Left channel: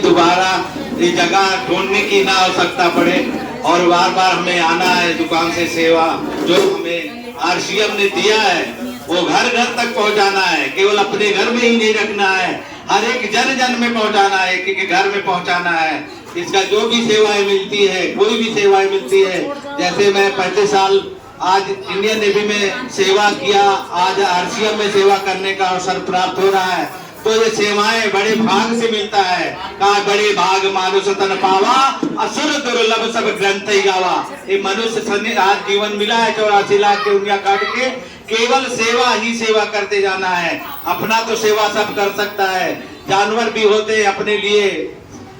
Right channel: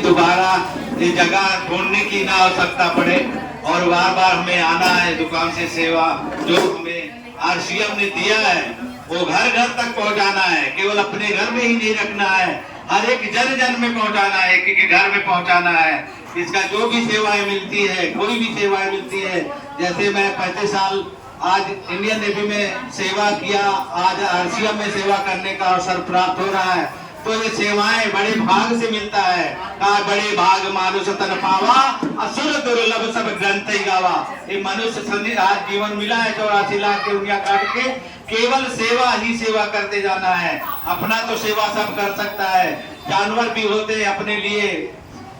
दोबारा ये जगह ढूंढने की ना आवश्यकता पड़े और बार बार हमें आना है दुकान से सेवा जो हमें आरसीएम ने दिया है वो घर घर तक पहुंचाना है। केवल अपने घर में ही नहीं रखना है, हर एक जन जन में पहुंचाना है, एक घर में पहुंचाना है। इसका जो भी सेवाएं मिलती है, कोई भी सेवाएं मिलती है, जैसे मैं 35 साल आज इंडियन नेवी में सेवा किया, आज आरसीएम में सेवा करने का अवसर प्राप्त हो रहा है, तो ये सेवाएं बड़े भाग से मिलता है। कहा बड़े भाग मानुष तन पावा, असुर दुर्लभ सब ग्रंथ ही गावा। ये मनुष्य आज जीवन मिला है 84 लाख की उंगलियां काट के, केवल सेवा ही सेवा करते जाना है। अपना तो सेवा सब कर सकता है, जानवर भी होते हैं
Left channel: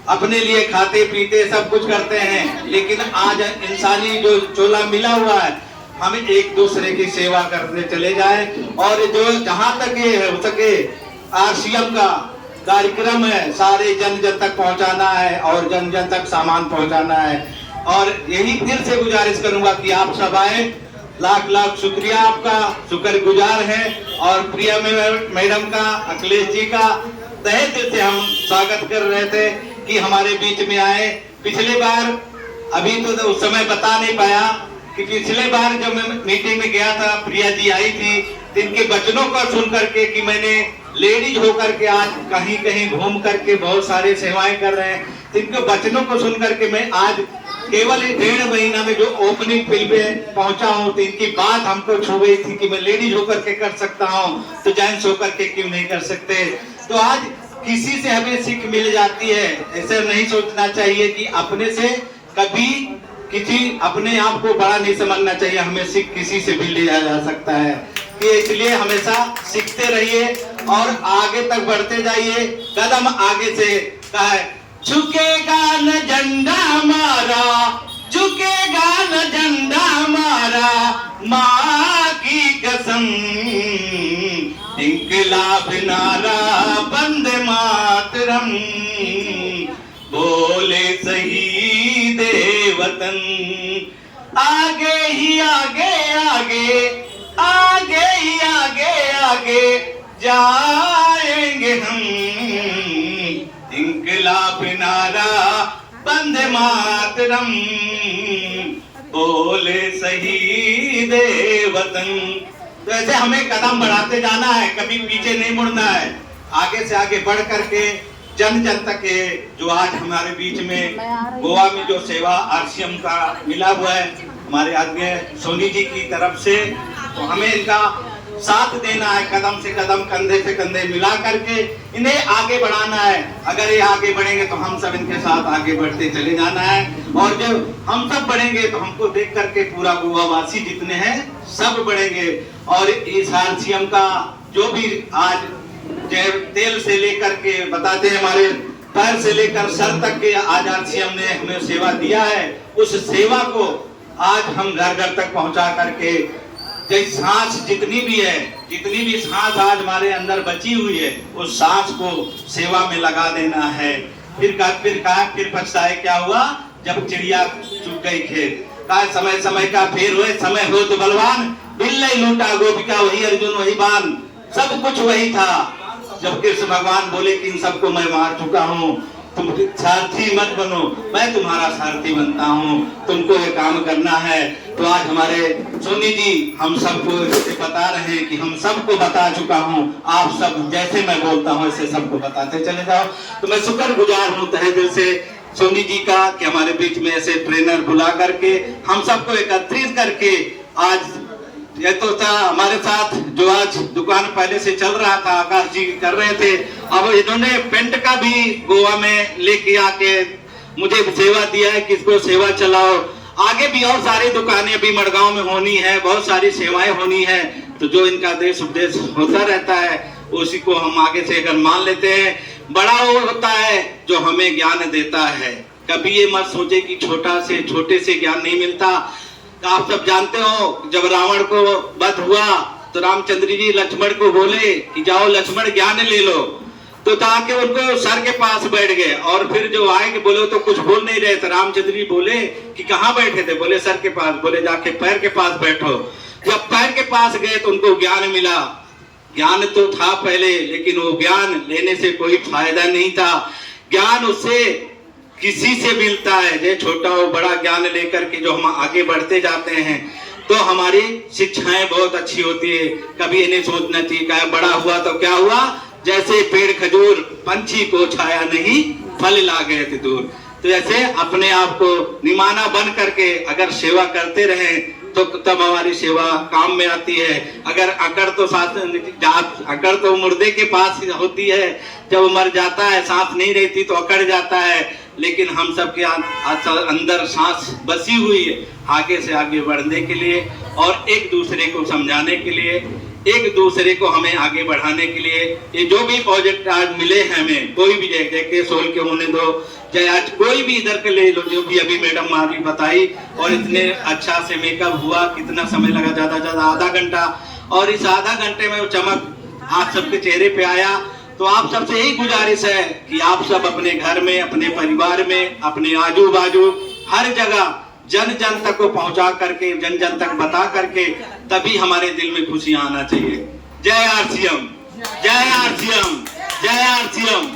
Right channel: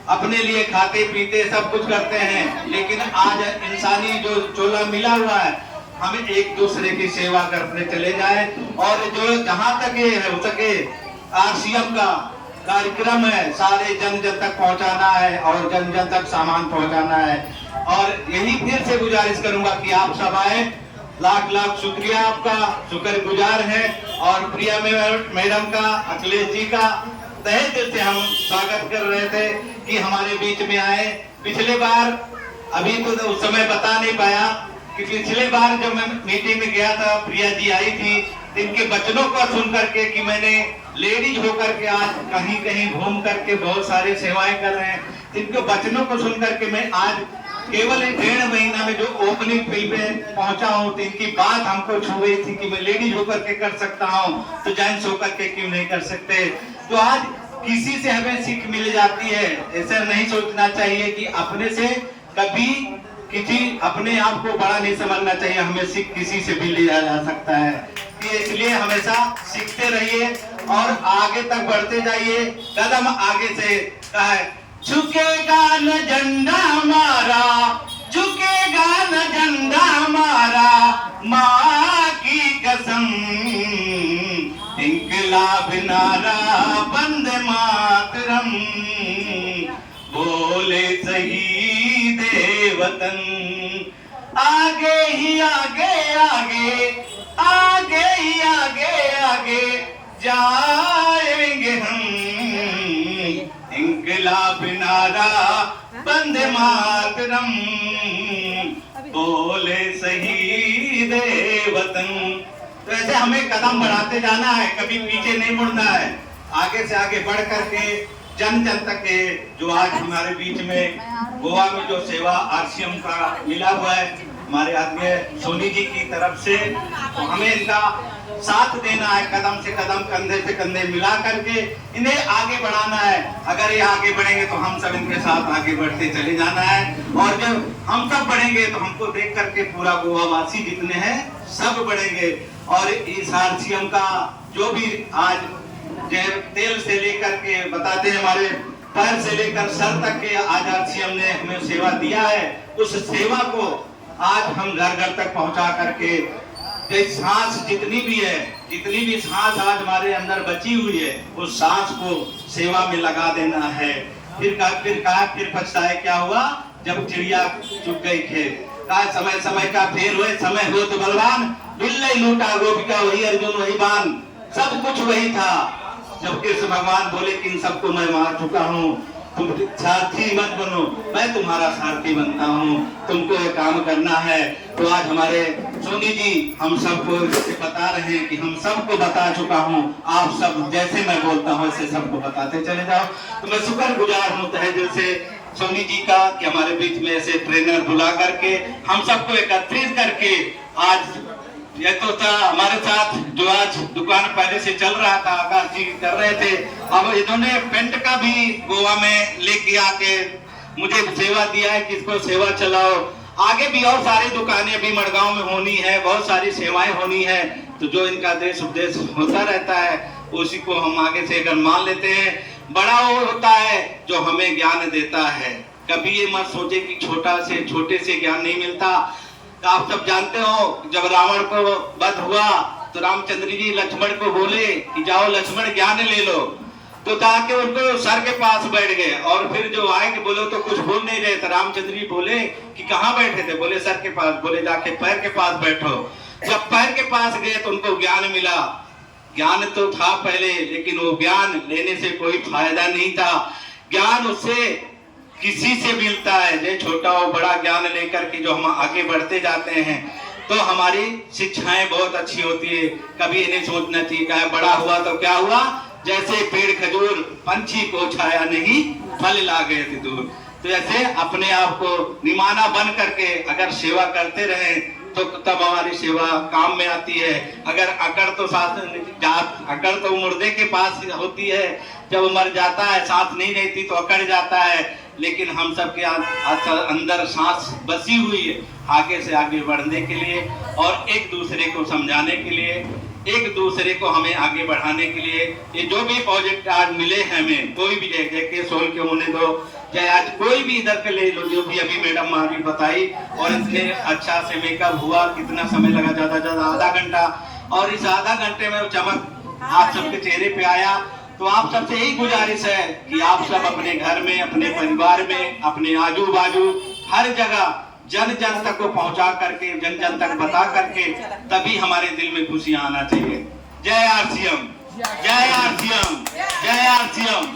अपने लिए खाते पीते सब कुछ करते हैं, लेकिन आज इंसानी जो चोला मिला हुआ है, हमें एक दूसरे की सेवा करने चले जाए। और जो जहां तक ये हो सके आरसीएम का कार्यक्रम है, सारे जन जन तक पहुंचाना है और जन जन तक सामान पहुंचाना है। और यही फिर से गुजारिश करूंगा कि आप सब आए। लाख लाख शुक्रिया आपका, शुक्रगुजार है। और प्रिया मैडम का, अखिलेश जी का तहे दिल से हम स्वागत कर रहे थे कि हमारे बीच में आए। पिछले बार अभी तो उस समय बता नहीं पाया कि पिछले बार जब मैं मीटिंग में गया था, प्रिया जी आई थी, इनके वचनों को सुन करके कि मैंने लेडीज होकर के आज कहीं कहीं घूम करके बहुत सारे सेवाएं कर रहे हैं, इनके वचनों को सुन करके मैं आज केवल 1.5 महीना में जो ओपनिंग फिल्में पहुंचा हूं, तो इनकी बात हमको छू गई थी कि मैं लेडीज होकर के कर सकता हूं, तो जेंट्स होकर के क्यों नहीं कर सकते। तो आज किसी से हमें सीख मिल जाती है। ऐसे नहीं सोचना चाहिए कि अपने से कभी किसी अपने आप को बड़ा नहीं समझना चाहिए, हमें सीख किसी से भी लिया जा सकता है। कि इसलिए हमेशा सीखते रहिए और आगे तक बढ़ते जाइए, कदम आगे से कहा है, झुकेगा न झंडा हमारा, झुकेगा न झंडा हमारा, माँ की कसम, इंकलाब नारा वंदे मातरम, बोले शहीद वतन, आगे ही आगे आगे आगे ही आगे आगे जाएंगे हम, इंकलाब नारा वंदे मातरम, बोले शहीद वतन। तो ऐसे हमें कदम बढ़ाते जाना है, कभी पीछे नहीं मुड़ना है, आगे से आगे बढ़ करके जन जन तक ये जो आज हमारे बीच में गोवा में जो सेवा आरसीएम का मिला हुआ है हमारे आदरणीय सोनी जी की तरफ से, तो हमें इनका साथ देना है, कदम से कदम कंधे से कंधे मिला करके इन्हें आगे बढ़ाना है। अगर ये आगे बढ़ेंगे तो हम सब इनके साथ आगे बढ़ते चले जाना है। और जब हम सब बढ़ेंगे तो हमको देख करके पूरा गोवा वासी जितने हैं सब बढ़ेंगे। और इस आरसीएम का जो भी आज तेल से लेकर के बताते हैं, हमारे पैर से लेकर सर तक के आज आरसीएम ने हमें सेवा दिया है, उस सेवा को आज हम घर घर तक पहुंचा करके सांस जितनी भी सांस आज हमारे अंदर बची हुई है, उस सांस को सेवा में लगा देना है। फिर पछताए क्या हुआ जब चिड़िया चुग गई खेत। समय समय का फेर हुए, समय हो तो बलवान, बिल्ले लूटा गोपिका वही अर्जुन वही बान, सब कुछ वही था। जब कृष्ण भगवान बोले कि इन सबको मैं मार चुका हूँ, तुम सारथी मत बनो, मैं तुम्हारा सारथी बनता हूँ, तुमको ये काम करना है। तो आज हमारे सोनी जी हम सबको बता रहे हैं कि हम सबको बता चुका हूँ, आप सब जैसे मैं बोलता हूँ ऐसे सबको बताते चले जाओ। तो मैं शुक्रगुजार हूँ तहे दिल से सोनी जी का कि हमारे बीच में ऐसे ट्रेनर बुला करके हम सबको एकत्रित करके आज ये तो था हमारे साथ जो आज दुकान पहले से चल रहा था, आकाश जी कर रहे थे, अब इन्होंने पेंट का भी गोवा में लेके आके मुझे सेवा दिया है कि इसको सेवा चलाओ। आगे भी और सारी दुकानें भी मड़गांव में होनी है, बहुत सारी सेवाएं होनी है। तो जो इनका देश उपदेश होता रहता है उसी को हम आगे से अगर मान लेते हैं, बड़ा वो होता है जो हमें ज्ञान देता है। कभी ये मत सोचे कि छोटे से ज्ञान नहीं मिलता। आप सब जानते हो जब रावण को वध हुआ तो रामचंद्र जी लक्ष्मण को बोले कि जाओ लक्ष्मण ज्ञान ले लो, तो ताकि उनको सर के पास बैठ गए। और फिर जो आएंगे बोले तो कुछ बोल नहीं रहे थे, रामचंद्र जी बोले कि कहाँ बैठे थे, बोले सर के पास, बोले जाके पैर के पास बैठो। जब पैर के पास गए तो उनको ज्ञान मिला। ज्ञान तो था पहले, लेकिन वो ज्ञान लेने से कोई फायदा नहीं था। ज्ञान उससे किसी से मिलता है, जो छोटा हो बड़ा ज्ञान लेकर के जो हम आगे बढ़ते जाते हैं तो हमारी शिक्षाएं बहुत अच्छी होती है। कभी इन्हें सोचना चाहिए क्या बड़ा हुआ तो क्या हुआ, जैसे पेड़ खजूर पंछी को छाया नहीं फल ला गए थे दूर। तो ऐसे अपने आप को निमाना बन करके अगर सेवा करते रहें तो तब हमारी सेवा काम में आती है। अगर अकड़ तो सांस अकड़ तो मुर्दे के पास होती है, जब वो मर जाता है सांस नहीं रहती तो अकड़ जाता है, लेकिन हम सब के अंदर सांस बसी हुई है आगे से आगे बढ़ने के लिए और एक दूसरे को समझाने के लिए, एक दूसरे को हमें आगे बढ़ाने के लिए। ये जो भी प्रोजेक्ट आज मिले हैं हमें, कोई भी जैसे सोल के होने दो, चाहे आज कोई भी इधर के ले लो, जो भी अभी मैडम मारी बताई, और इतने अच्छा से मेकअप हुआ, कितना समय लगा, ज्यादा आधा घंटा, और इस आधा घंटे में वो चमक आप सबके चेहरे पे आया। तो आप सबसे यही गुजारिश है कि आप सब अपने घर में, अपने परिवार में, अपने आजू बाजू हर जगह जन जन तक को पहुंचा करके, जन जन तक बता करके, तभी हमारे दिल में खुशियां आना चाहिए। जय आरसीएम, जय आरसीएम, जय आरसीएम।